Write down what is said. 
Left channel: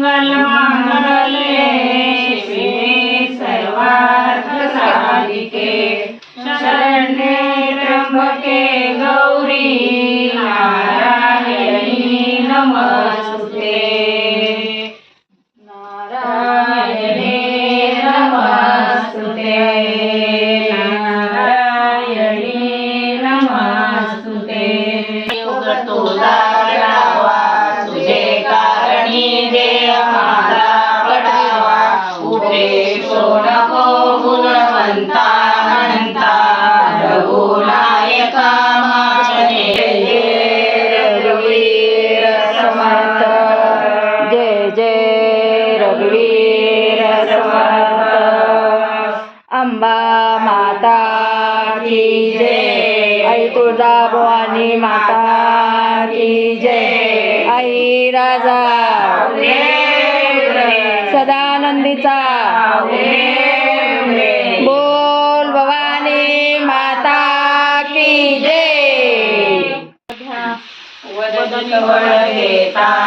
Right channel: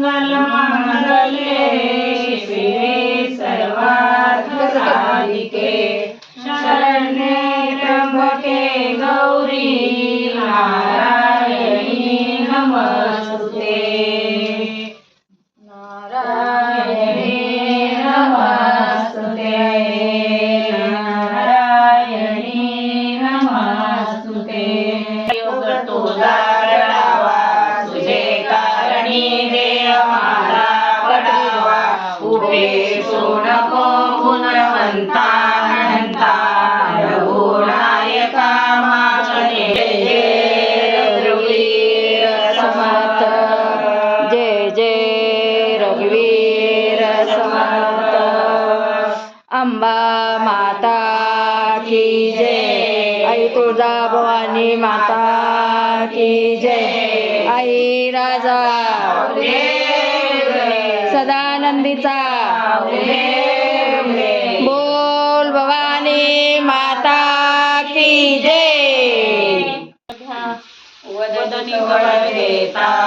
मंगल मंगले शिवे सर्वार्थ साधिके. शरण्ये त्र्यंबके गौरी नारायणी नमस्ते नारायणे नमस्ते अंबा माता की जय. आई तुळजा भवानी माता की जय. आई राजा. सदानंदीचा. बोल भवानी माता की जय. वदनी वळ घेता.